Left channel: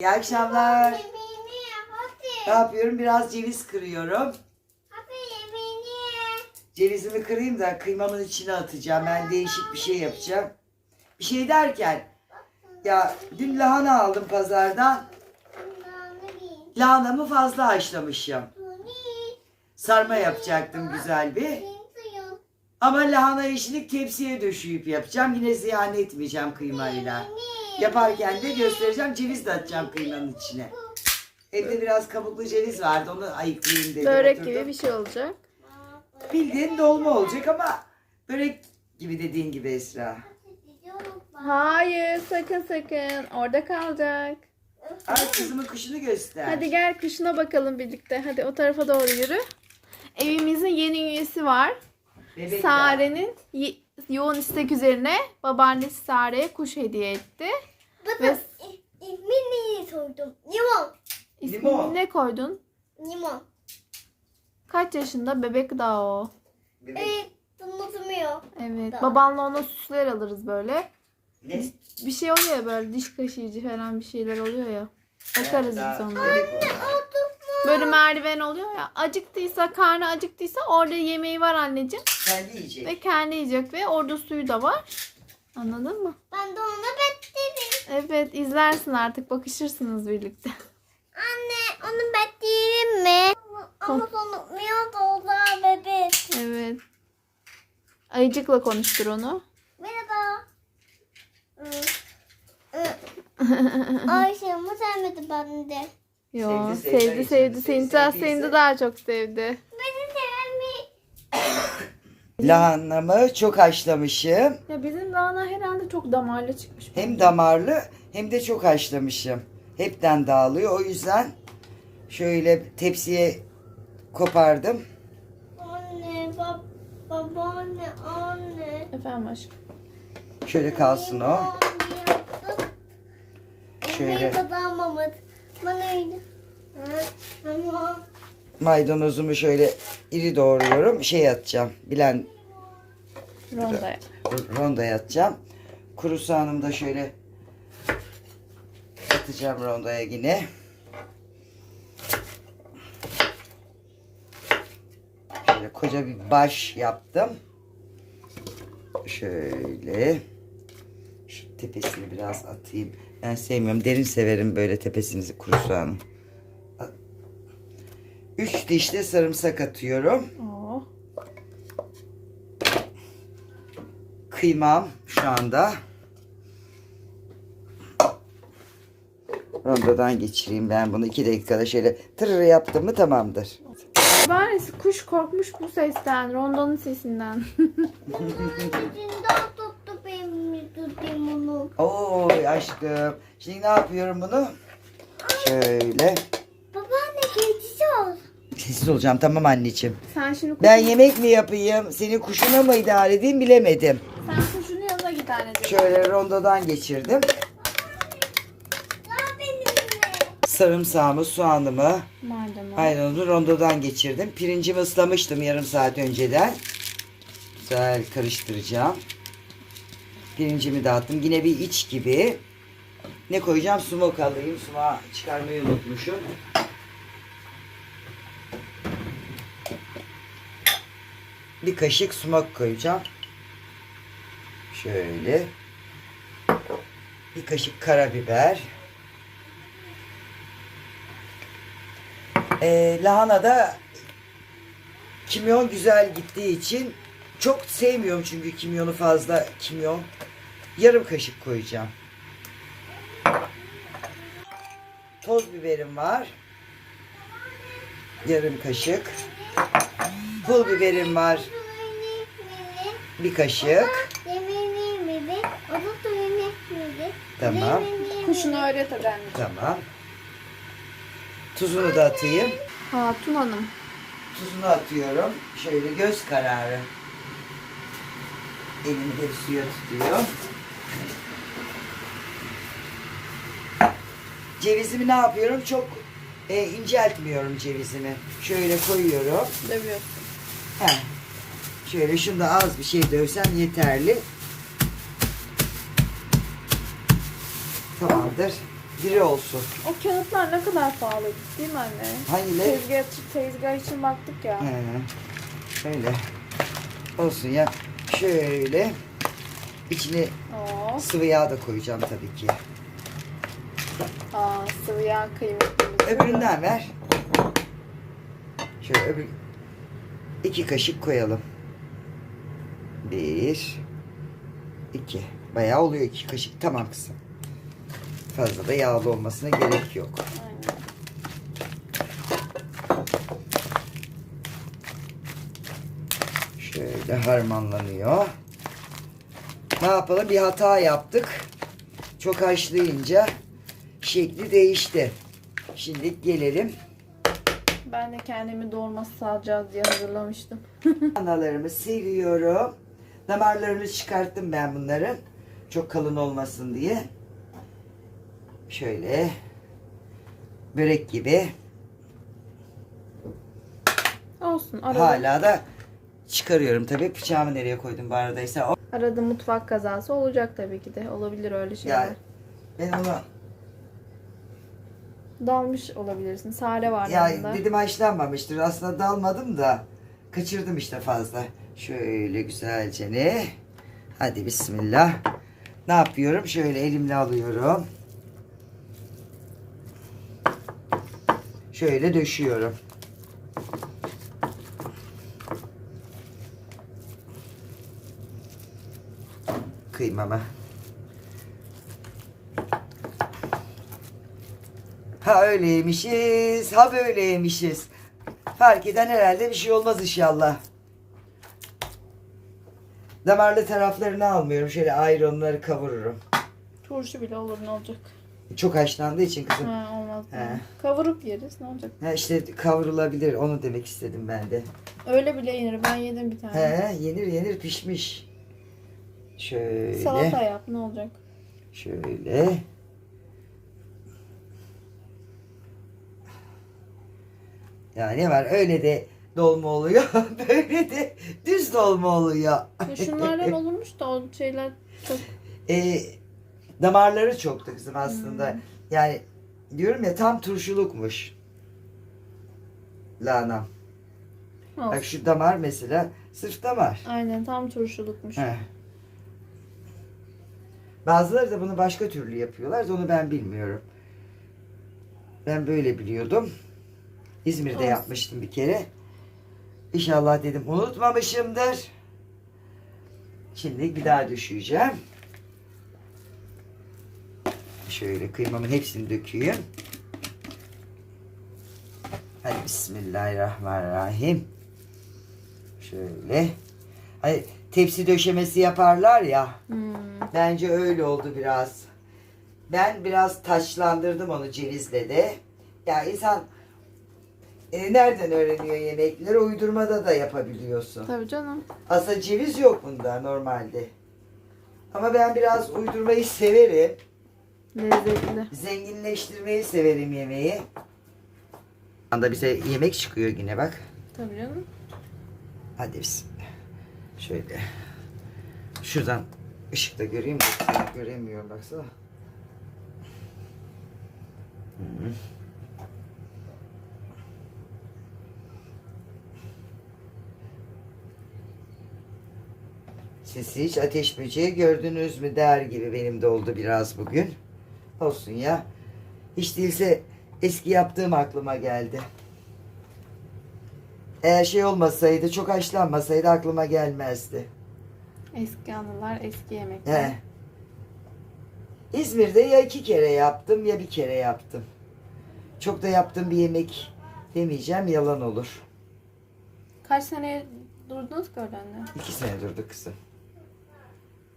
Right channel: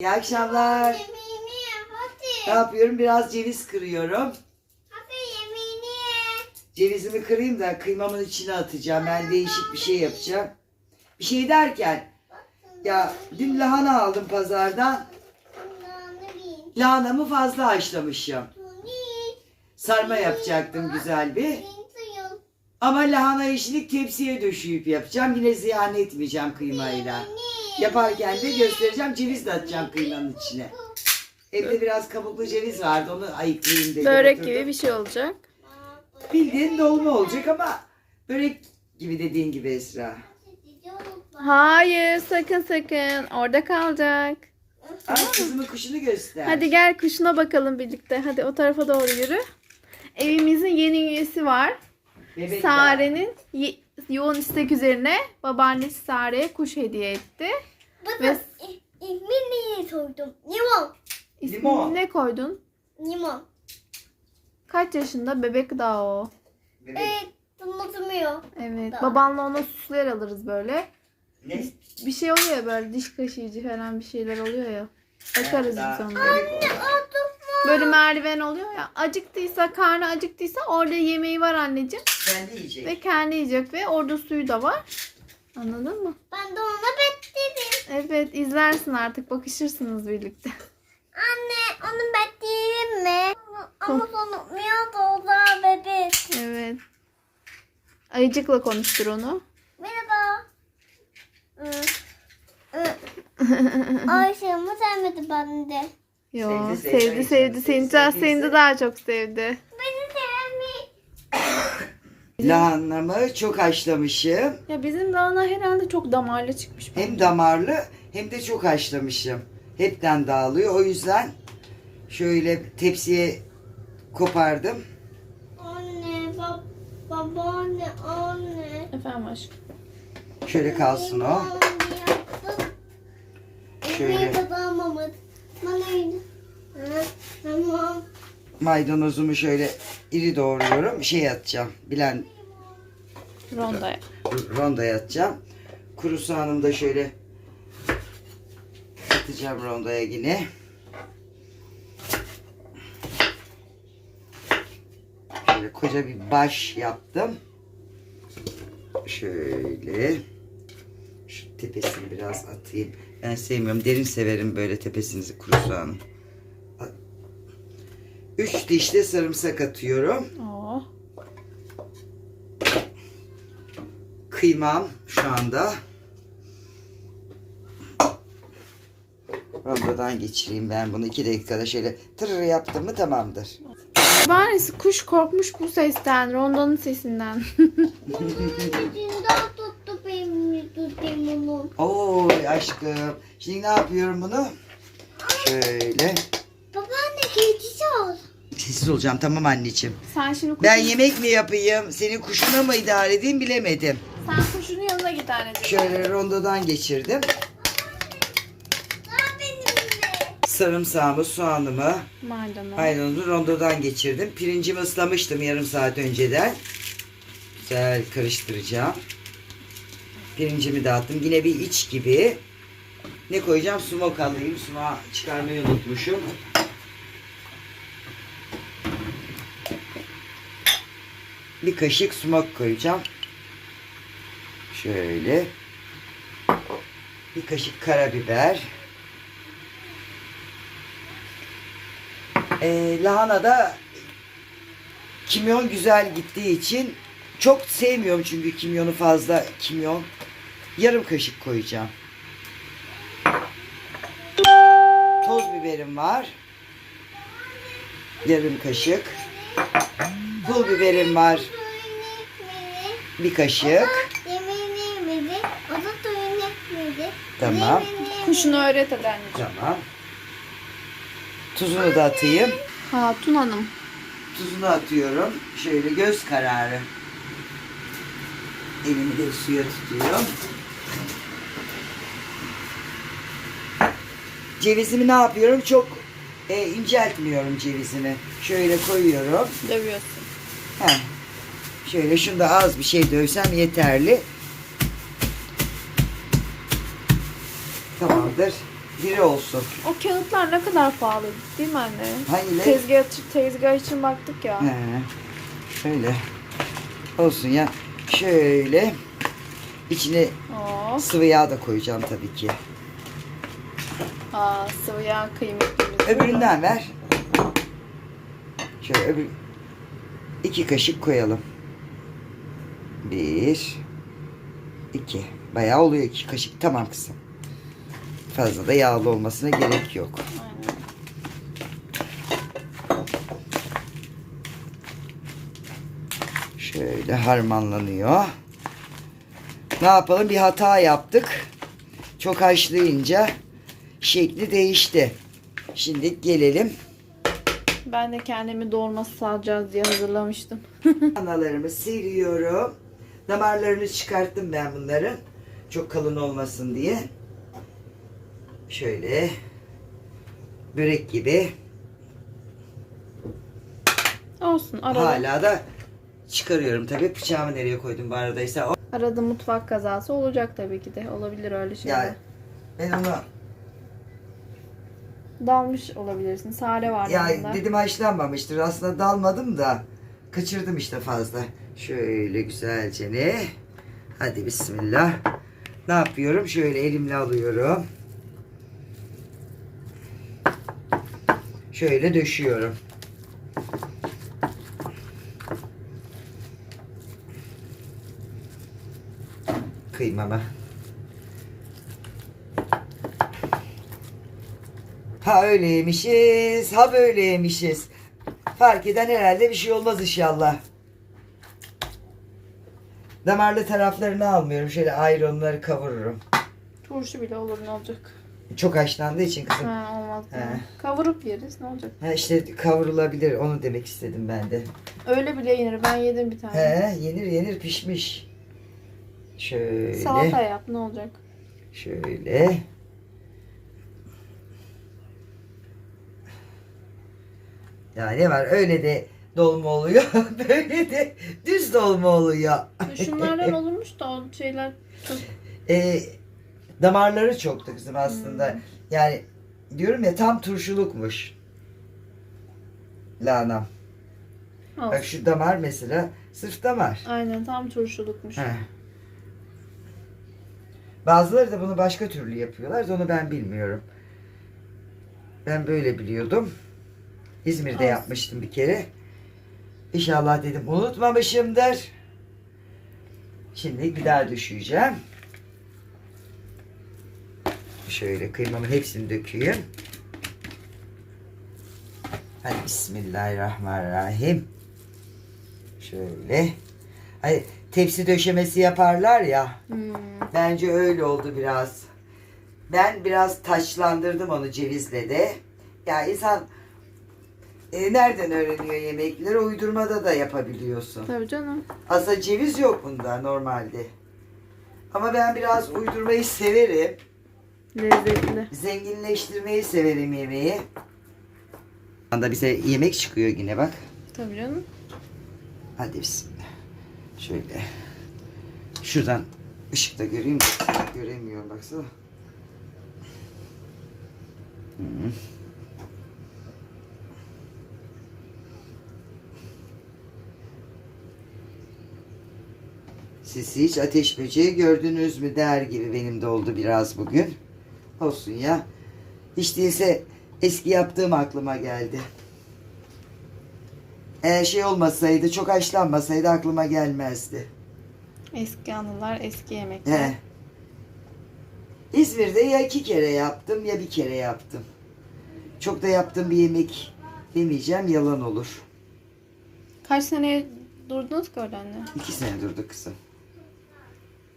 İyi akşamlar. Yemeğini yap Ne hadi. yapıyorum? Biraz ceviz kırıyorum. Hadi yemeğini ye. Cevizimi kırayım da kıymamın içine atacağım. Ben değişik bir şey yapacağım. Bir şey derken ya dün lahana aldım pazardan. Bil. Lahanamı fazla haşlamışım. Tuni. Sarma yapacaktım güzel bir. Ama lahana yeşillik tepsiye döşeyip yapacağım. Yine ziyan etmeyeceğim kıymayla. Yemeğini. Yaparken de göstereceğim. Ceviz de atacağım kıymanın içine. Evde biraz kabuklu ceviz vardı. Onu ayıklayayım dedim. Börek oturdum. gibi bir şey olacak. Bildiğin dolma olacak ama börek gibi dediğin gibi Esra. Hayır sakın sakın. Orada kalacak. Ay kızımın kuşunu göster. Hadi gel kuşuna bakalım birlikte. Hadi o tarafa doğru yürü. Evimizin yeni üyesi var. Bebek Sare'nin yoğun istek üzerine babaannesi Sare'ye kuş hediye etti. Bu Ve- da ismini sordum. Limon. İsmini Limon. ne koydun? Limon. Kaç yaşında? Bebek daha o. Bebek. Evet. Unutmuyor. Evet. Daha. Babanla ona süsler alırız böyle. Ne? Bir şey oluyor ya böyle diş kaşıyıcı falan bir şeyler oluyor ya. Bakarız biz ona. bebek oldu. Böyle merdiven oluyor ya. Acıktıysa, karnı acıktıysa orada yemeği var anneciğim. Kendi yiyecek. Ve kendi yiyecek ve orada suyu da var. Anladın mı? Ben de ona bekledim. Evet izlersin artık bakışırsınız birlikte. Anne onu bekleyeyim mi? Ama unutmuyor da o da bebek. Evet. Ayıcıkla konuştur onu. Merhaba. Ayşe ama sevmedi beni de. Yo Sevdi, sevdi sevdi, sevdi, sevdi, sevdiyse- seni de daha çok sevdi. Lahanamı çok haşlamışım. Ya bizim Rana herhalde çok damarlı çıkmış. Hem damarlı hem de çok haşlamışım. Hepten dağılıyor. O yüzden şöyle tepsiye kopardım. Anne, bab babaanne, anne. Efendim aşkım. Şöyle kalsın o. Şöyle. Bana maydanozumu şöyle iri doğruyorum. Şey atacağım. Bilen rondaya. Rondaya atacağım. Kuru soğanımı da şöyle atacağım rondaya yine. Şöyle koca bir baş yaptım. Şöyle şu tepesini biraz atayım. Ben sevmiyorum. Derin severim böyle tepesinizi kuru soğanın. 3 diş de sarımsak atıyorum. Oo. Kıymam şu anda. Rondodan geçireyim ben bunu 2 dakikada şöyle tırır yaptım mı tamamdır. Bari kuş korkmuş bu sesten, rondonun sesinden. Oy aşkım. Şimdi ne yapıyorum bunu? Şöyle Sessiz olacağım tamam anneciğim. Sen şimdi kuşun, Ben yemek mi yapayım? Senin kuşuna mı idare edeyim bilemedim. sen kuşun yanına git anneciğim. Şöyle rondodan geçirdim. Sarımsağımı, soğanımı, Maydanoz. maydanozu rondodan geçirdim. Pirincimi ıslamıştım yarım saat önceden. Güzel karıştıracağım. Pirincimi dağıttım. Yine bir iç gibi. Ne koyacağım? Sumak alayım. Sumağı çıkarmayı unutmuşum. Bir kaşık sumak koyacağım. Şöyle. Bir kaşık karabiber. Ee, lahana da kimyon güzel gittiği için çok sevmiyorum çünkü kimyonu fazla kimyon. Yarım kaşık koyacağım. Toz biberim var. Yarım kaşık. Pul biberim var. Bir kaşık. Yemeğini yemedi. O da suyunu içmedi. Tamam. Yemeğini yemedi. Kuşunu öğret hadi anneciğim. Tamam. Tuzunu da atayım. Hatun Hanım. Tuzunu atıyorum. Şöyle göz kararı. Elimi de suya tutuyor. Cevizimi ne yapıyorum? Çok e, inceltmiyorum cevizimi. Şöyle koyuyorum. Dövüyorsun. Heh. Şöyle şunda az bir şey dövsem yeterli. Tamamdır. diri olsun. O kağıtlar ne kadar pahalı değil mi anne? Hangileri? Tezgah, tezgah için baktık ya. He. Şöyle. Olsun ya. Şöyle. İçine Oo. sıvı yağ da koyacağım tabii ki. Aa, sıvı yağ kıymetlimiz. Öbüründen ver. Şöyle öbür iki kaşık koyalım. Bir, iki. Bayağı oluyor iki kaşık. Tamam kızım. Fazla da yağlı olmasına gerek yok. Aynen. Şöyle harmanlanıyor. Ne yapalım? Bir hata yaptık. Çok haşlayınca şekli değişti. Şimdi gelelim. Ben de kendimi dolması salacağız diye hazırlamıştım. Analarımı siliyorum. Damarlarını çıkarttım ben bunların. Çok kalın olmasın diye. Şöyle börek gibi. Olsun arada. Hala da çıkarıyorum tabii. Bıçağımı nereye koydum bu aradaysa. O- Arada mutfak kazası olacak tabii ki de. Olabilir öyle şeyler. Yani ben onu Dalmış olabilirsin. Sare var ya yanında. dedim haşlanmamıştır. Aslında dalmadım da kaçırdım işte fazla. Şöyle güzelce ne? Hadi bismillah. Ne yapıyorum? Şöyle elimle alıyorum. Şöyle döşüyorum. Kıymamı. Ha öyleymişiz, ha böyleymişiz. Fark eden herhalde bir şey olmaz inşallah. Damarlı taraflarını almıyorum. Şöyle ayrı onları kavururum. Turşu bile olur ne olacak? Çok haşlandığı için kızım. Ha, olmaz. He. Kavurup yeriz ne olacak? Ha işte kavrulabilir. Onu demek istedim ben de. Öyle bile yenir. Ben yedim bir tane. He, yenir yenir pişmiş. Şöyle. Salata yap ne olacak? Şöyle. Ya ne var öyle de dolma oluyor. Böyle de düz dolma oluyor. Şunlardan olurmuş da o şeyler çok E, damarları çoktu kızım aslında. Hmm. Yani diyorum ya tam turşulukmuş. Lanam. olsun. Bak şu damar mesela sırf damar. Aynen tam turşulukmuş. Heh. Bazıları da bunu başka türlü yapıyorlar. Onu ben bilmiyorum. Ben böyle biliyordum. İzmir'de Olsun. yapmıştım bir kere. İnşallah dedim unutmamışımdır. Şimdi bir daha düşeceğim. Şöyle kıymamın hepsini dökeyim. Hadi Bismillahirrahmanirrahim. Şöyle. Ay, tepsi döşemesi yaparlar ya. Hmm. Bence öyle oldu biraz. Ben biraz taçlandırdım onu cevizle de. Ya insan e, nereden öğreniyor yemekleri? Uydurmada da yapabiliyorsun. Tabii canım. Aslında ceviz yok bunda normalde. Ama ben biraz uydurmayı severim. Lezzetli. Zenginleştirmeyi severim yemeği. Anda bize yemek çıkıyor yine bak. Tabii canım. Hadi bismillah. Şöyle. Şuradan ışıkta göreyim. Göremiyorum baksana. Hı. Siz hiç ateş böceği gördünüz mü der gibi benim de oldu biraz bugün. Olsun ya. Hiç değilse eski yaptığım aklıma geldi. Eğer şey olmasaydı, çok haşlanmasaydı aklıma gelmezdi. Eski anılar, eski yemekler. He. İzmir'de ya iki kere yaptım ya bir kere yaptım. Çok da yaptığım bir yemek demeyeceğim yalan olur. Kaç sene durdunuz ki orada anne? İki sene durdu kızım.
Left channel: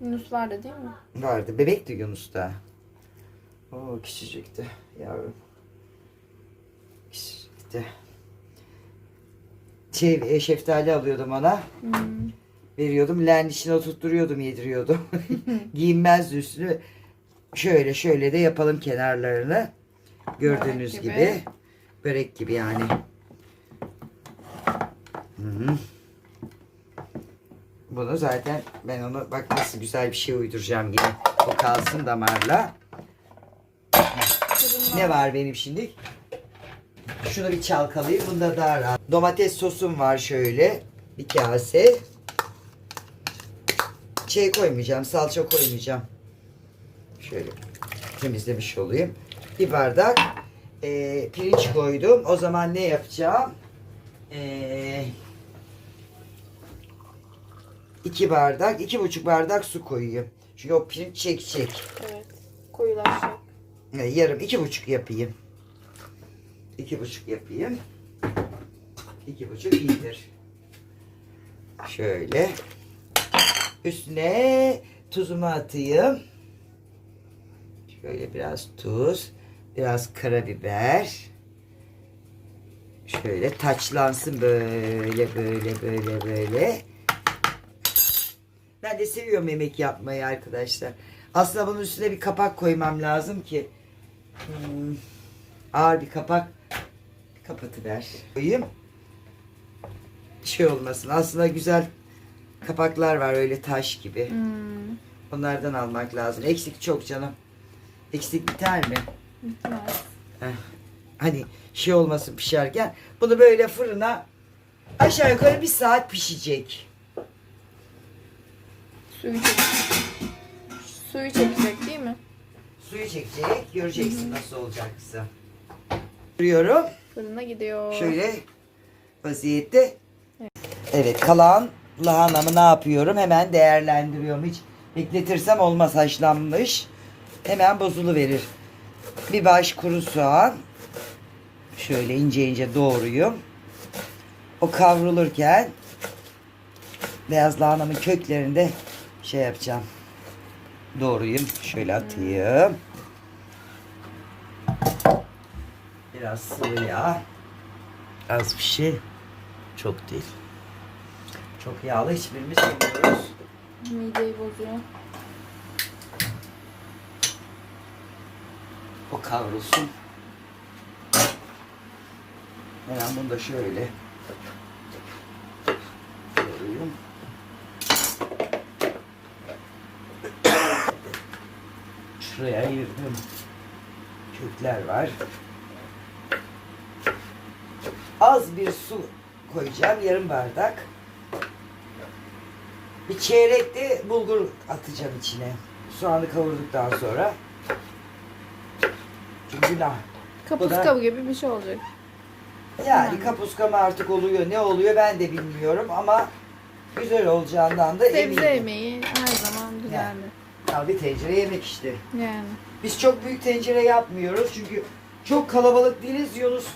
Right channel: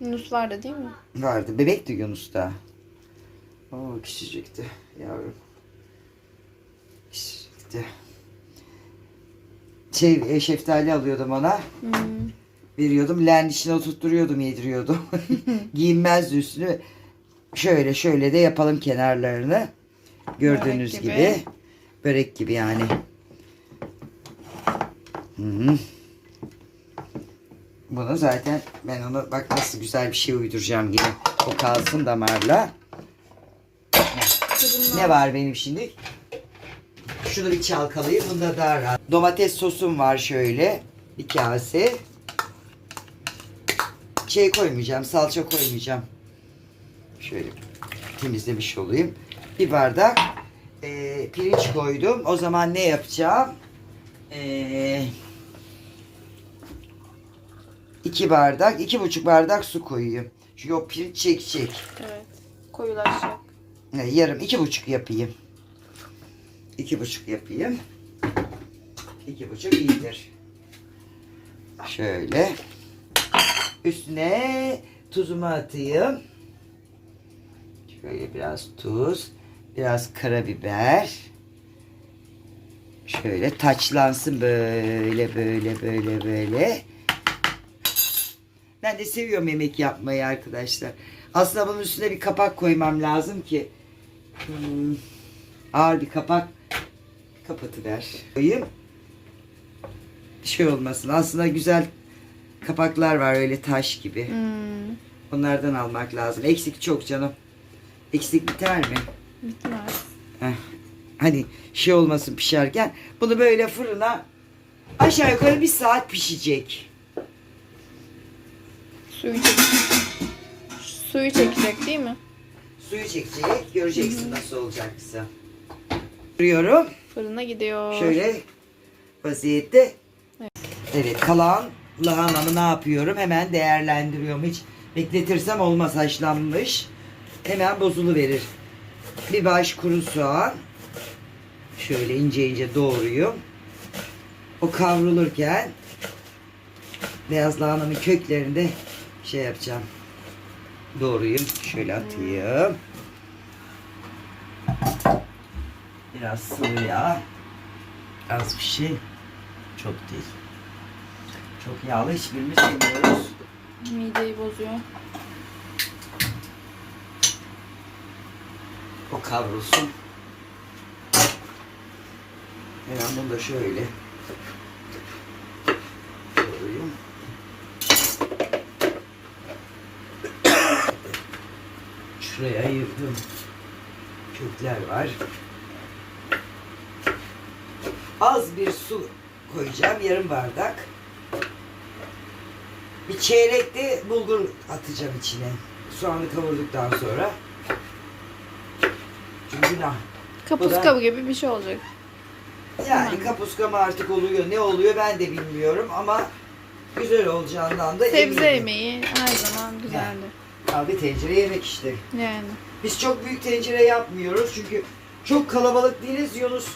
Yunus vardı değil mi? Vardı. Bebekti Yunus da. Oo küçücüktü yavrum. Küçücüktü. Şey, e, şeftali alıyordum ona. Hmm. veriyordum. Leğenin içine oturtturuyordum, yediriyordum. Giyinmezdi üstünü. Şöyle şöyle de yapalım kenarlarını. Gördüğünüz Börek gibi. gibi. Börek gibi yani. Hı -hı. Bunu zaten ben onu bak nasıl güzel bir şey uyduracağım yine. O kalsın damarla. Ne var benim şimdi? Şunu bir çalkalayayım. Bunda daha rahat. Domates sosum var şöyle. Bir kase. Şey koymayacağım. Salça koymayacağım. Şöyle temizlemiş olayım. Bir bardak eee, pirinç koydum. O zaman ne yapacağım? Eee iki bardak, iki buçuk bardak su koyayım. Çünkü o pirinç çekecek. Evet. Koyulaşacak. E, Yarım iki buçuk yapayım. İki buçuk yapayım. İki buçuk iyidir. Şöyle. Üstüne tuzumu atayım. Şöyle biraz tuz. Biraz karabiber. Şöyle taçlansın böyle böyle böyle böyle. Ben de seviyorum yemek yapmayı arkadaşlar. Aslında bunun üstüne bir kapak koymam lazım ki Hmm, ağır bir kapak kapatıver. Koyayım. Şey olmasın. Aslında güzel kapaklar var öyle taş gibi. Hmm. Onlardan almak lazım. Eksik çok canım. Eksik biter mi? Bitmez. Heh. Hani şey olmasın pişerken. Bunu böyle fırına aşağı yukarı bir saat pişecek. Suyu çekecek. Suyu çekecek değil mi? Suyu çekecek. Göreceksin nasıl olacaksa. Duruyorum. Fırına gidiyor. Şöyle vaziyette. Evet kalan lahanamı ne yapıyorum? Hemen değerlendiriyorum. Hiç bekletirsem olmaz haşlanmış. Hemen bozulu verir. Bir baş kuru soğan. Şöyle ince ince doğruyum. O kavrulurken beyaz lahanamın köklerinde şey yapacağım. Doğruyum. Şöyle atayım. Biraz sıvı yağ. Az bir şey. Çok değil. Çok yağlı hiçbirimiz yemiyoruz. Mideyi bozuyor. O kavrulsun. Hemen bunu da şöyle koyayım. Ayırdım. Kökler var. Az bir su koyacağım. Yarım bardak. Bir çeyrek de bulgur atacağım içine. Soğanı kavurduktan sonra. Çünkü günah. Kapuska gibi bir şey olacak. Yani kapuska mı artık oluyor ne oluyor ben de bilmiyorum ama güzel olacağından da Sebze eminim. yemeği her zaman güzeldir. Ya bir tencere yemek işte. Yani. Biz çok büyük tencere yapmıyoruz çünkü çok kalabalık değiliz. Yunus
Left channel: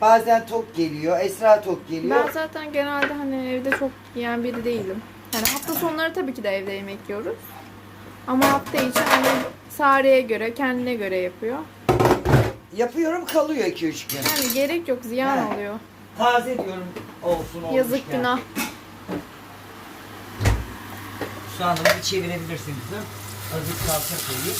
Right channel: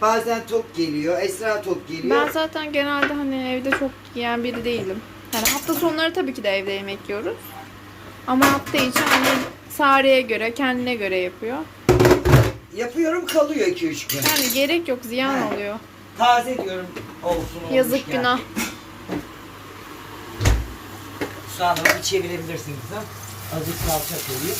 bazen tok geliyor, Esra tok geliyor. Ben zaten genelde hani evde çok yiyen biri değilim. Yani hafta sonları tabii ki de evde yemek yiyoruz. Ama hafta içi hani Sare'ye göre, kendine göre yapıyor. Yapıyorum kalıyor 2-3 gün. Yani gerek yok, ziyan Ha. oluyor. Taze diyorum olsun olmuş. Yazık günah. Soğanı bir çevirebilirsin kızım. Azıcık salça koyayım.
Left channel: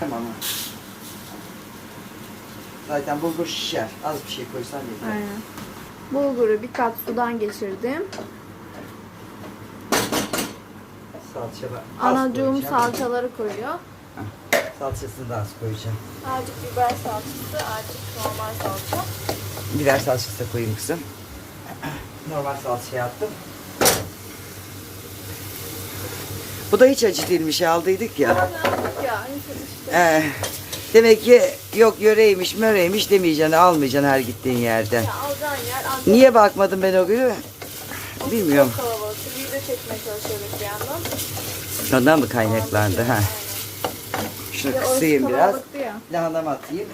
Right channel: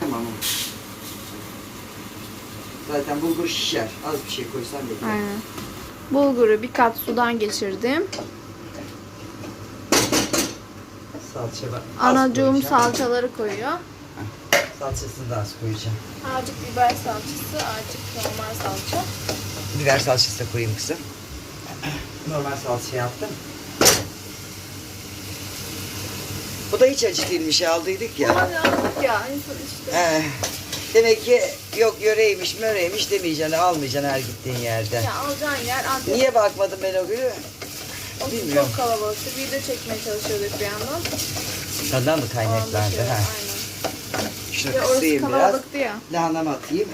Tamam. Zaten bulgur şişer. Az bir şey koysam da. Aynen. Bulguru bir kat sudan geçirdim. Salça var. Anacığım salçaları koyuyor. Salçasını da az koyacağım. Azıcık biber salçası, azıcık normal salça. Biber salçası da koyayım kızım. Normal salça yaptım. Bu da hiç acı değilmiş aldıydık ya. Ya işte. Ee, demek ki yok yöreymiş möreymiş demeyeceksin almayacaksın her gittiğin yerde. Ya alacağın yer ancak Niye bakmadım ben o günü? Bilmiyorum. çok kalabalıktı. Video çekmeye çalışıyorduk bir yandan. Ondan mı kaynaklandı? şöyle, Ha. aynen. Şunu Ya kısayım biraz. ya. Lahanamı atayım.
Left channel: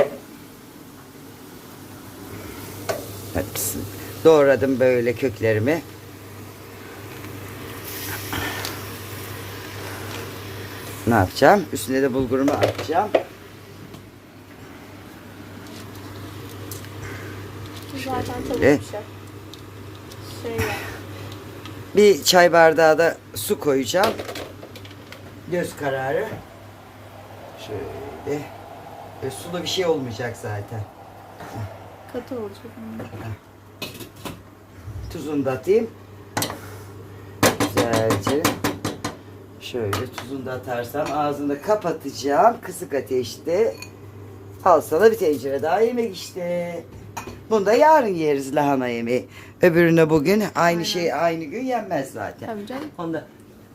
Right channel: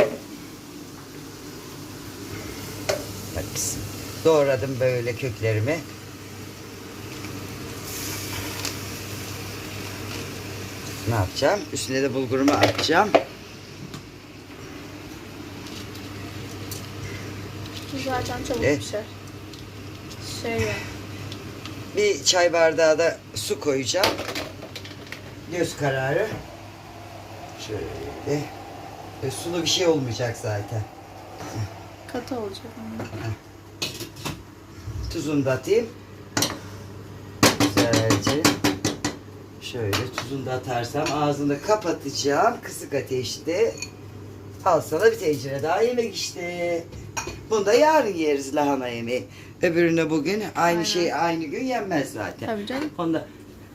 Hepsini. Doğradım böyle köklerimi. Ne yapacağım? Üstüne de bulgurumu atacağım. Zaten çabuk pişer. Şey ya. Bir çay bardağı da su koyacağım. Göz kararı. Şöyle. E, sulu bir şey olmayacak zaten. Katı olacak. Tuzunu da atayım. güzelce. Şöyle tuzunu da atarsam ağzını kapatacağım. Kısık ateşte. Al sana bir tencere daha yemek işte. Bunu da yarın yeriz lahana yemeği. Öbürüne bugün aynı Aynen. şey aynı gün yenmez zaten. Tabii canım. Onu da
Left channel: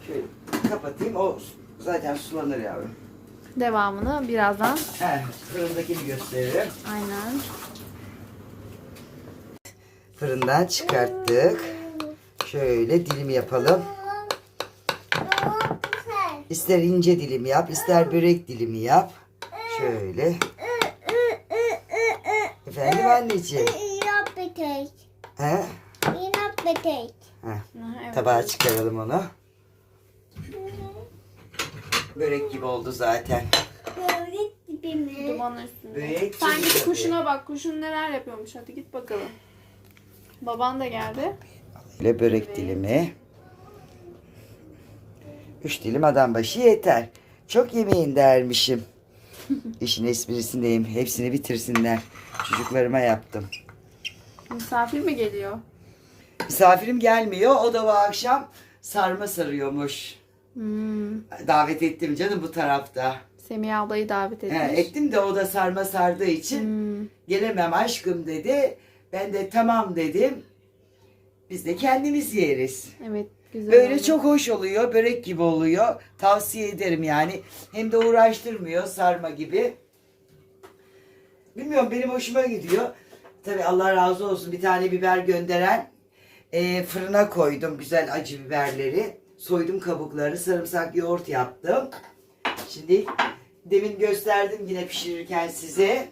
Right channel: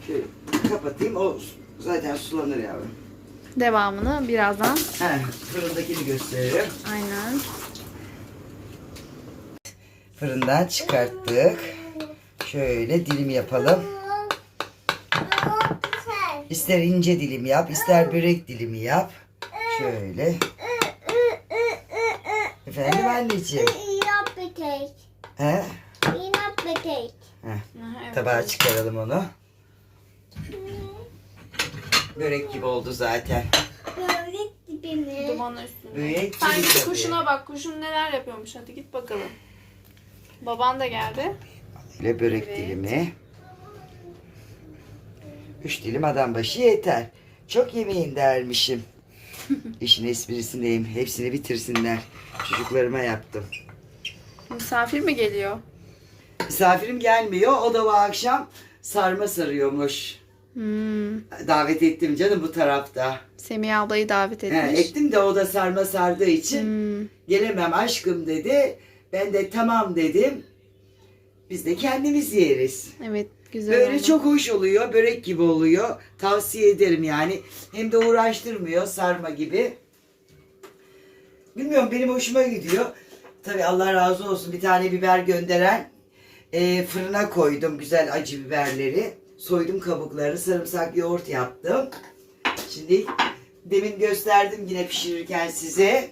şöyle kapatayım. O zaten sulanır yavrum. Devamını birazdan. He, fırındakini gösteririm. Aynen. Fırından çıkarttık. Şöyle dilim yapalım. İster ince dilim yap, ister börek dilimi yap. Şöyle. Efendim anneciğim. İnat betek. He? İnat betek. Heh, Aha, evet. Tabağa çıkaralım onu. Börek gibi oldu zaten. Böyle dibini. Dumanın üstünde. Börek Sen gibi git tabii. kuşuna bak. Kuşun neler yapıyormuş. Hadi git bakalım. Baban da geldi. Böyle börek Evet. dilimi. Üç dilim adam başı yeter. Çok yemeyin dermişim. İşin esprisindeyim. Hepsini bitirsinler. Çocuklarıma yaptım. Misafir mi geliyor? Misafirim gelmiyor. O da bu akşam sarma sarıyormuş. Hmm. Davet ettim canım bu tarafta. Semih ablayı davet He, etmiş. ettim de o da sarma sardığı için Hmm. gelemem aşkım dedi. Ben de tamam dedim. Biz de kendimiz yeriz. Evet güzel Böyle oldu. çok hoş oluyor. Börek gibi oluyor. Tavsiye ederim yani. Hem de uğraştırmıyor sarma gibi. Bilmiyorum benim hoşuma gidiyor. Tabi Allah razı olsun bir tane biber gönderen e, fırına koydum güzel acı biberleri. Soydum kabuklarını sarımsak yoğurt yaptım. Şimdi demin gösterdim yine pişirirken size.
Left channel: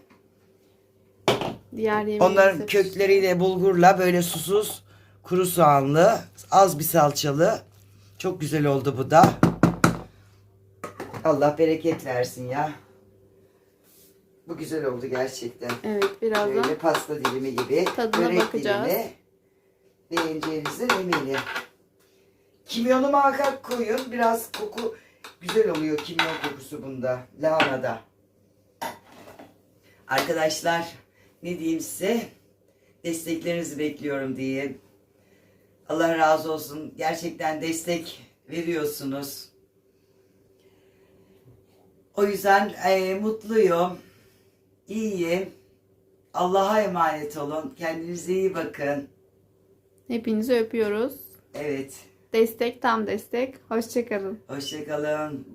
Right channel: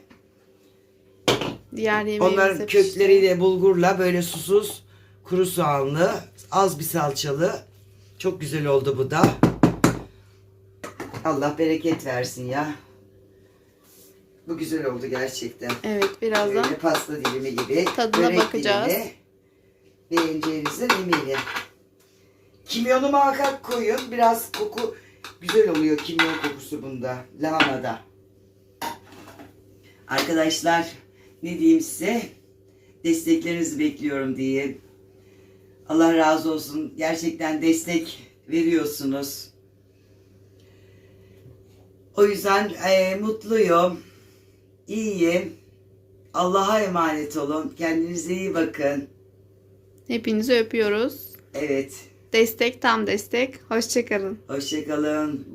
Diğer Onların pişti. kökleriyle bulgurla böyle susuz kuru soğanlı az bir salçalı çok güzel oldu bu da. Allah bereket versin ya. Bu güzel oldu gerçekten. Evet birazdan. Böyle pasta dilimi gibi. Tadına börek bakacağız. dilimi. Beğeneceğinizden eminim. Kimyonu muhakkak koyun. Biraz koku güzel oluyor kimyon kokusu bunda. Lahanada. Arkadaşlar ne diyeyim size? Desteklerinizi bekliyorum diyeyim. Allah razı olsun. Gerçekten destek veriyorsunuz. O yüzden eee, mutluyum. İyiyim. Allah'a emanet olun. Kendinize iyi bakın. Hepinizi öpüyoruz. Evet. Destek tam destek. Hoşçakalın. Hoşçakalın.